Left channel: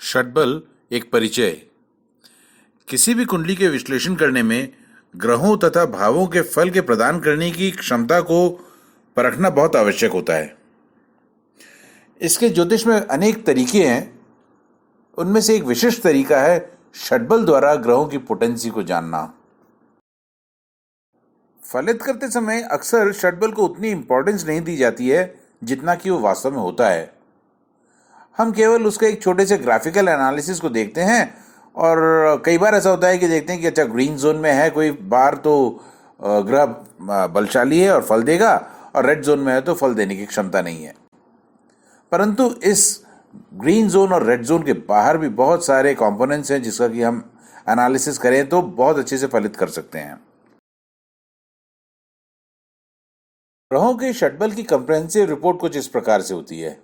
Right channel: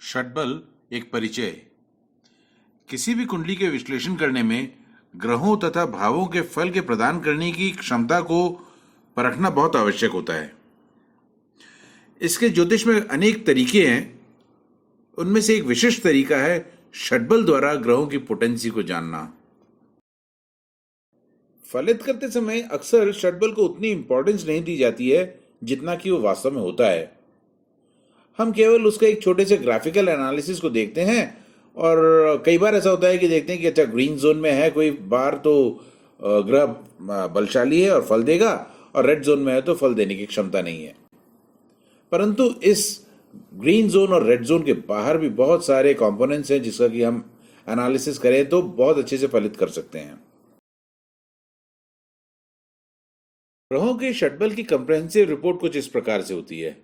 षटबल एक परिचय। किसी भी कुंडली के विश्लेषण करने में ग्रहों तथा भावों के फल के प्रदान करने की क्षमता को परखना बहुत आवश्यक होता है। इसके ज्योतिष में अनेक तरीके हैं। उनमें से एक विशिष्ट तरीका है षटबल द्वारा ग्रहों की पोटेंसी को जानना। फलित करते समय अक्सर षटबल को उतनी इंपॉर्टेंस नहीं दी जाती है जितना कि वो वास्तव में होता है। हम केवल उसका एक छोटे से ग्राफिकल एनालिसिस को देखते हैं और कई बार ऐसा होता है कि देखते हैं कि अच्छा ग्रीन जोन में है कोई बार तो ग्रह बलशाली है और फल देगा, और रेड जोन में है तो फल देने की क्षमता नहीं है। परंतु इस ग्रीन जोन और रेड जोन के बाहर भी बहुत सारे कंपोनेंट्स हैं जिसका कि हम एनालिसिस करें तो बहुत अच्छे से फलित कर सकते हैं। ग्रहों के षटबल की कंप्रेहेंसिव रिपोर्ट कुछ इस प्रकार से होती है।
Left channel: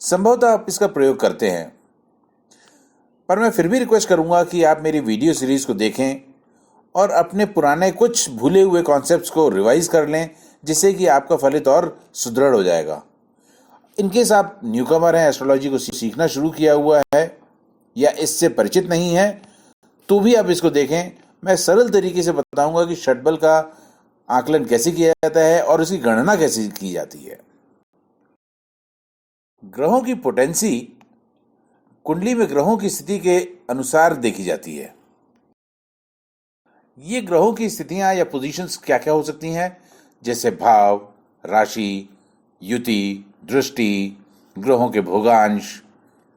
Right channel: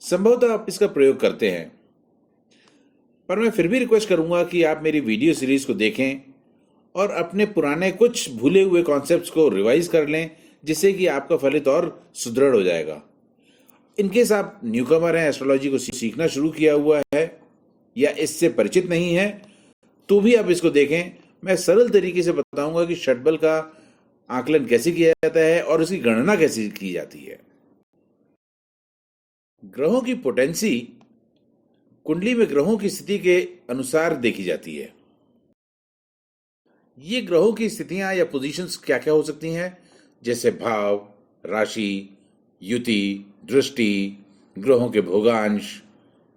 संभवतः आप इसका प्रयोग करते हैं, पर मैं फिर भी रिक्वेस्ट करूंगा कि आप मेरी वीडियो सीरीज को देखें और अपने पुराने कुछ भूले हुए कॉन्सेप्ट्स को रिवाइज कर लें, जिससे कि आपका फलित और सुदृढ़ हो जाएगा। इनकेस आप न्यूकमर हैं, एस्ट्रोलॉजी को सीखना शुरू किया हुआ है या इससे परिचित नहीं है, तो भी आप इसको देखें। मैं सरल तरीके से बताऊंगा कि षटबल का आकलन कैसे किया जाता है और उसकी गणना कैसे की जाती है। ग्रहों की पोटेंसी कुंडली में ग्रहों की स्थिति के अनुसार देखी जाती है। ये ग्रहों की स्थितियां या पोजीशंस क्या क्या हो सकती हैं, जैसे भाव, राशि, युति, दृष्टि, ग्रहों के भोगांश,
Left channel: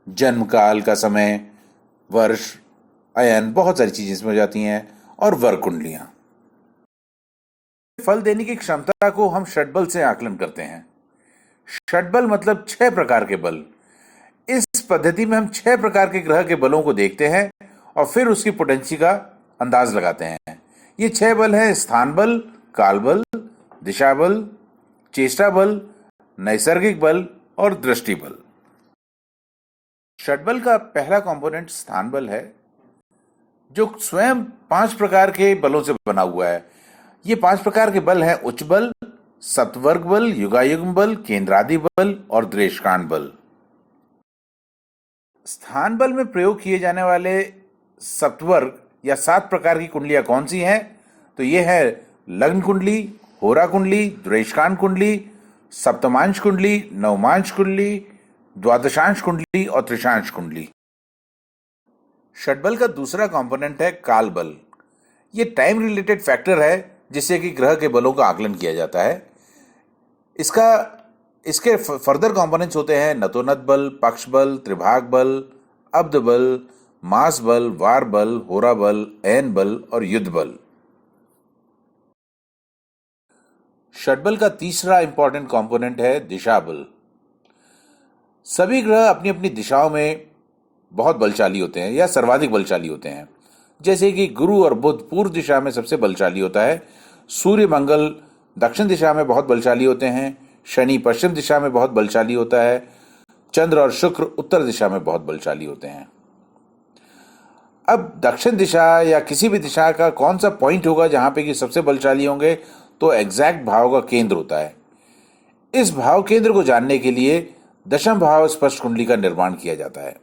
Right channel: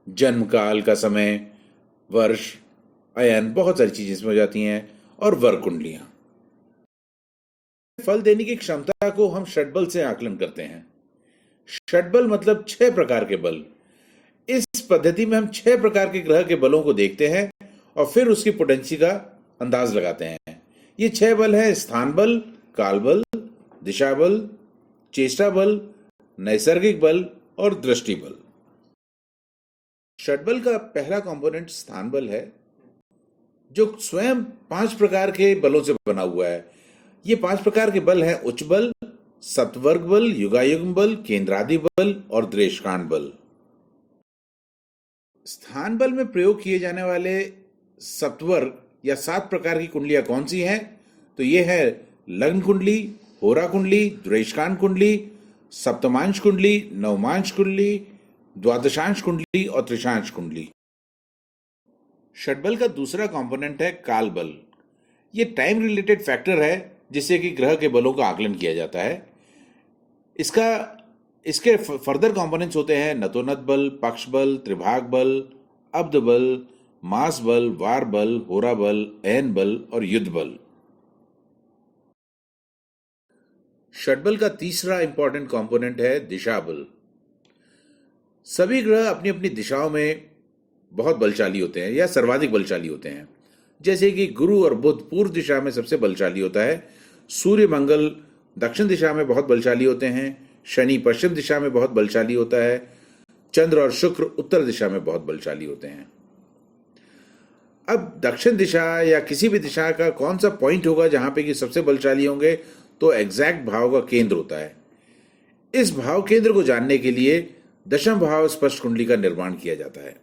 जन्म काल का समय, वर्ष, अयन, बहुत सारी चीजें इसमें हो जाती हैं, और वर्ग कुंडलियां। फल देने की क्षमता को हम षटबल से आकलन करते हैं। षटबल मतलब 6 प्रकार के बल। इस पद्धति में हम 6 प्रकार के ग्रह के बलों को देखते हैं और फिर उसकी पोटेंसी का अंदाज लगाते हैं। ये 6 बल हैं: स्थान बल, काल बल, दिशा बल, चेष्टा बल, नैसर्गिक बल और दृष्टि बल। षटबल का पहला कंपोनेंट स्थान बल है, जो स्वयं 5 प्रकार के बलों से बना हुआ है। ये 5 प्रकार के बल हैं: उच्च बल, सप्तवर्ग बल, युगायुग्म बल, केंद्रादि बल और द्रेशकांड बल। स्थान बल में प्रयोग किए जाने वाले सप्तवर्ग या 7 प्रकार की कुंडलियां कौन सी हैं? तो ये है लग्न कुंडली, होरा कुंडली, द्वेषकांड कुंडली, सप्तमांश कुंडली, नवमांश कुंडली, द्वादशांश कुंडली और त्रिशांश कुंडली। षटबल का दूसरा कंपोनेंट है काल बल। ये टाइम रिलेटेड फैक्टर है जिससे कि ग्रह के बलों का आकलन किया जाता है। इसके फर्दर कंपोनेंट्स होते हैं नतोनत बल, पक्ष बल, त्रिभाग बल, अब्द बल, मास बल, वार बल, होरा बल, अयन बल और युद्ध बल। षटबल का तीसरा इंपॉर्टेंट कंपोनेंट है दिशा बल। सभी ग्रह अपनी अपनी दिशाओं में बहुत बलशाली होते हैं या सर्वाधिक बलशाली होते हैं। जैसे कि गुरु और बुध पूर्व दिशा में सबसे बलशाली होता है, सूर्य मंगल दक्षिण दिशा में बहुत बलशाली होते हैं, शनि पश्चिम दिशा में बहुत बलशाली होता है, चंद्र और शुक्र उत्तर दिशा में बहुत बलशाली होते हैं। अब दक्षिण दिशा या किसी भी दिशा का कौन सा पॉइंट होगा जहां पे कि सबसे बलशाली होंगे, तो एग्जैक्ट भाव का केंद्र होता है। इस भाव केंद्र को जानने के लिए दशम भाव स्पष्ट कुंडली का निर्माण किया जाता है।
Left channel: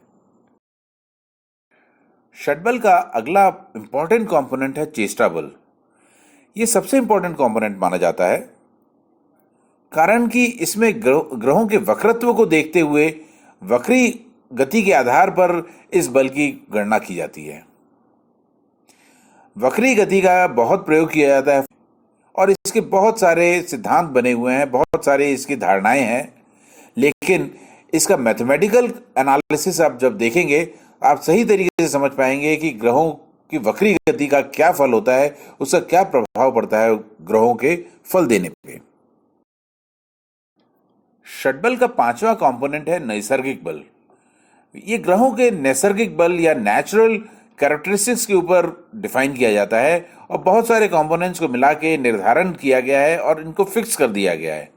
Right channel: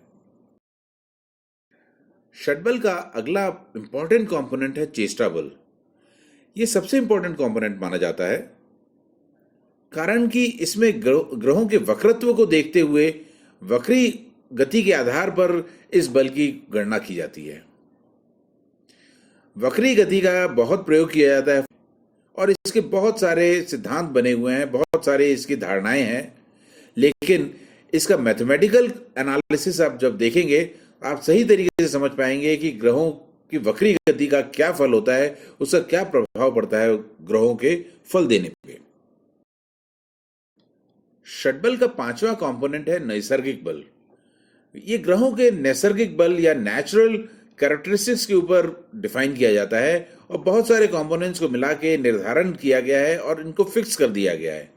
षटबल का अगला इंपॉर्टेंट कंपोनेंट है चेष्टा बल। यह सबसे इंपॉर्टेंट कंपोनेंट माना जाता है, कारण कि इसमें ग्रहों के वक्रत्व को देखते हुए वक्री गति के आधार पर इस बल की गणना की जाती है। वक्री गति का बहुत प्रयोग किया जाता है और इसके बहुत सारे सिद्धांत बने हुए हैं, बहुत सारे इसकी धारणाएं हैं, लेकिन इसका मैथमेटिकल एनालिसिस आप जब देखेंगे आप सही तरीके से समझ पाएंगे कि ग्रहों की वक्री गति का क्या फल होता है, उसका क्या प्रभाव पड़ता है ग्रहों के फल देने पे। षटबल का 5वां कंपोनेंट है नैसर्गिक बल। ये ग्रहों के नैसर्गिक बल या नेचुरल कैरेक्टरिस्टिक्स के ऊपर डिफाइन किया जाता है और बहुत सारे कंपोनेंट्स को मिला के निर्धारण किया गया है और इनको फिक्स कर दिया गया है।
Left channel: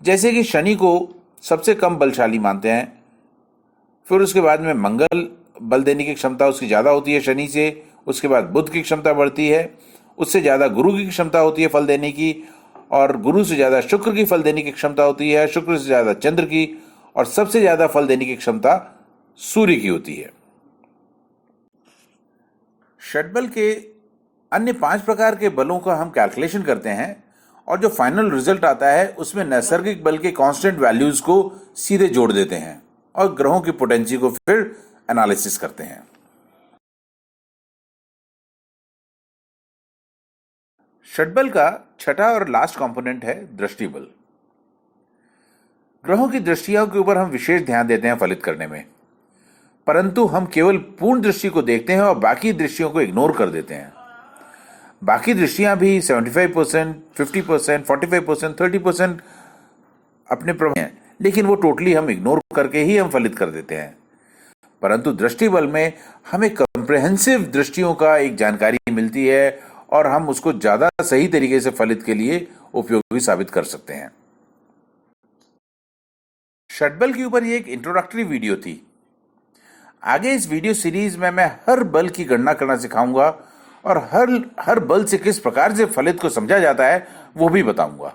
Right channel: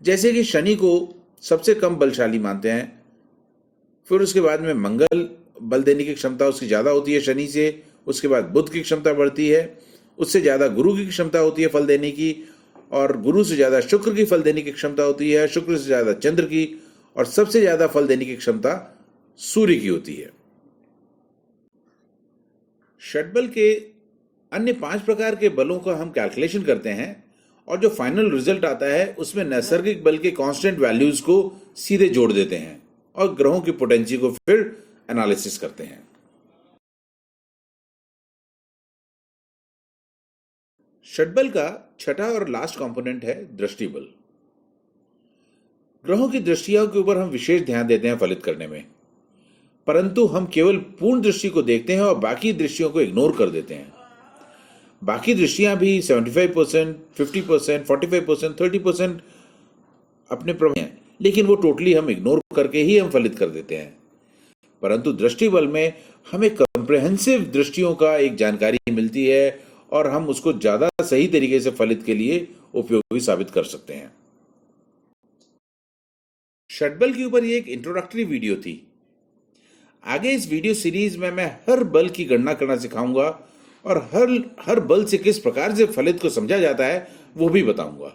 जैसे कि शनि को सबसे कम बलशाली मानते हैं, फिर उसके बाद में मंगल बल देने की क्षमता उसकी ज़्यादा होती है शनि से, उसके बाद बुध की क्षमता बढ़ती है, उससे ज़्यादा गुरु की क्षमता होती है फल देने की, और गुरु से ज़्यादा शुक्र की फल देने की क्षमता होती है, शुक्र से ज़्यादा चंद्र की, और सबसे ज़्यादा फल देने की क्षमता सूर्य की होती है। षटबल के अन्य 5 प्रकार के बलों का हम कैलकुलेशन करते हैं और जो फाइनल रिजल्ट आता है उसमें नैसर्गिक बल के कांस्टेंट वैल्यूज को सीधे जोड़ देते हैं और ग्रहों की पोटेंसी को फिर एनालिसिस करते हैं। षटबल का छठा और लास्ट कंपोनेंट है दृष्टि बल। ग्रहों की दृष्टियों के ऊपर हम विशेष ध्यान देते हैं फलित करने में, परंतु हम केवल पूर्ण दृष्टि को देखते हैं और बाकी दृष्टियों को इग्नोर कर देते हैं। बाकी दृष्टियां भी 75%, 50%, 45%, 30% अपने प्रभाव हैं, लेकिन वो टोटली हम इग्नोर करके ही हम फलित कर देते हैं। परंतु दृष्टि बल में हमें कंप्रेहेंसिव दृष्टियों का एक जानकारी मिलती है और हम उसको ज्यादा सही तरीके से फलित के लिए उपयोगी साबित कर सकते हैं। षटबल के ऊपर ये एक इंट्रोडक्टरी वीडियो थी। आगे इस वीडियो सीरीज में मैं हर बल की गणना करना सिखाऊंगा और हर बल से किस प्रकार से फलित को समझा जाता है वो भी बताऊंगा।